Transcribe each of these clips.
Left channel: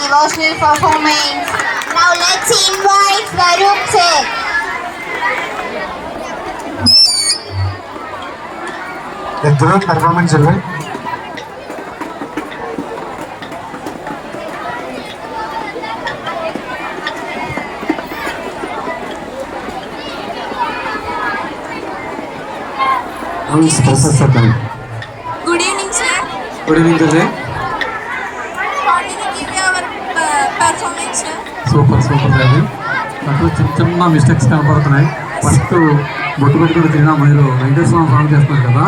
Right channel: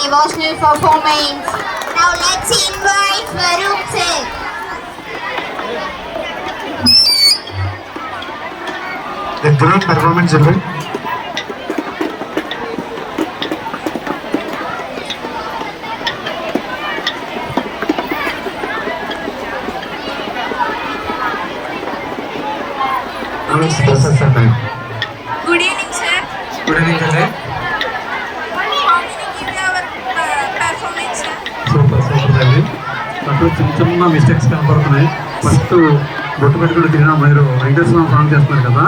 Devotional performance. Now let's invite Varun sir. A great performance, children. Good evening, sir. Good evening, sir. Super అండి. అప్పుడు చిన్న mistakes కనపడుతున్నాయి. First బొట్టు పెట్టుకుని తిరిగిన మీరు వెంకటేశ్వర సాంగ్ చేస్తున్నారు కదా,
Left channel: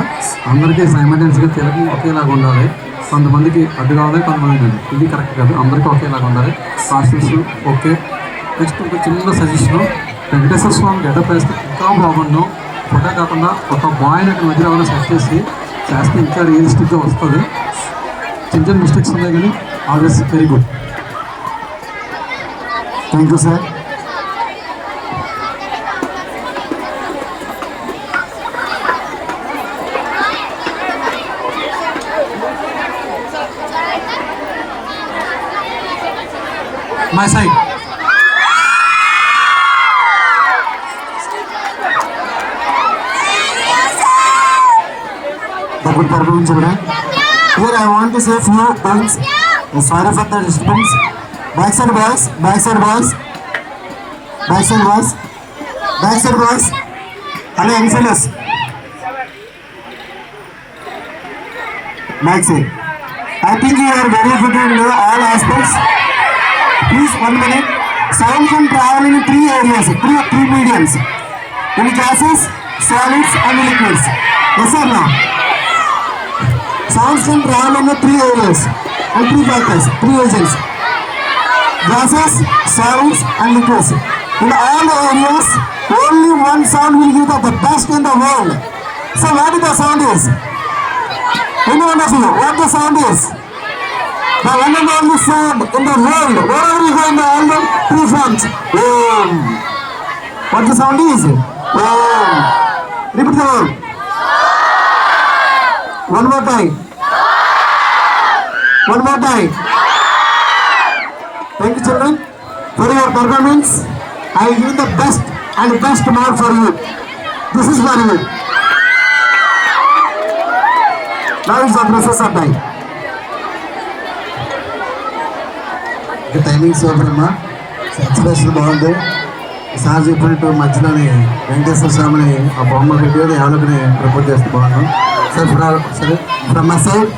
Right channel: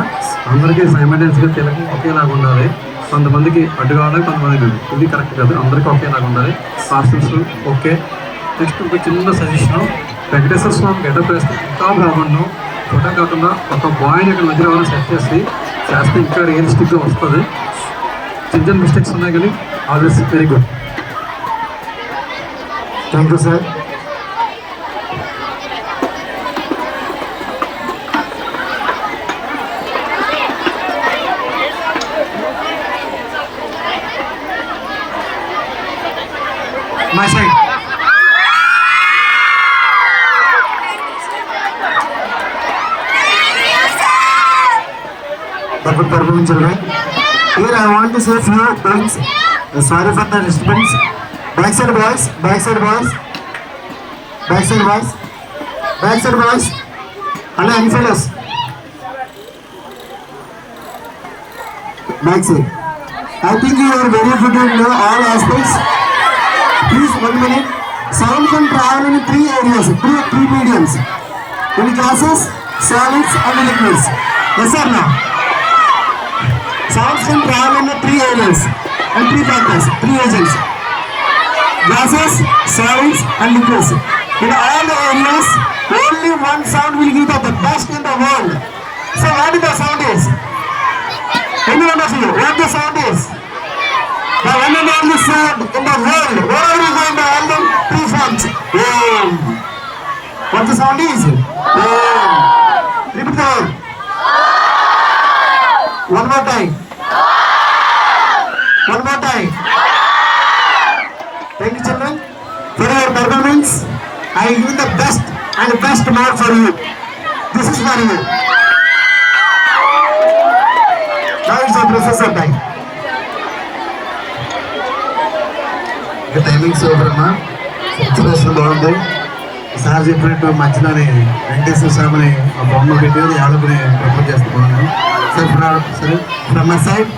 అందరికీ సైమల్టేనియస్గా తెలుగు ఒకేలాగా ఉండాలి. కొంతమందికి అడ్డు కావాలి, కొంతమందికి ఇది కరెక్ట్ కాదు, అందరికీ ఒకేలాగా ఉండాలి. Pastors okay. నెక్స్ట్ ఒక చిన్న సజెషన్, వెంకటేశ్వర స్వామి గెటప్ వేస్తే ఇంకా బాగుండు. ఫోటో కాకుండా ఒక బాయ్ని అక్కడ మధ్యలో ఏమైనా సెట్ చేస్తే ఇంకా రియలిస్టిక్గా వస్తుంది. చిన్న మిస్టేక్స్ ఉన్నాయి కానీ always very good. Thank you, sir. My side. Good performance, children. Here I want to say few thanks. Sorry for the disturbance. Backside boys, backside boys, backside boys, backside boys. Hello, fellas. Backside. I think you are very good in all aspects. Please, 1 minute. Sound can travel in 3 areas, 3 mediums. In gases, solids, and liquids. Yes or no? Sounds can travel in 3 areas and 3 factors, 3 agents. Gases, solids, and liquids. In all the areas, only one sound will give the best in the world. So what the sound is? Anyone of you, what the sound is? The one and only sound in the world. Wherever you go in the album, 3 fronts. Om. What the sound is? Om. Repeat the word. One more time. One more time. Thank you, children, for your performance. I will give the best and best mark for you. This is for you. Now is the process of time. The timing is over, na? Expression బాగుంది. Sir చెప్పినట్టు మధ్యలోనే వెంకటేశ్వర స్వామిని ఆ బొమ్మ పెట్టి ఎవరికి propose చేస్తున్నాను. Sir from my side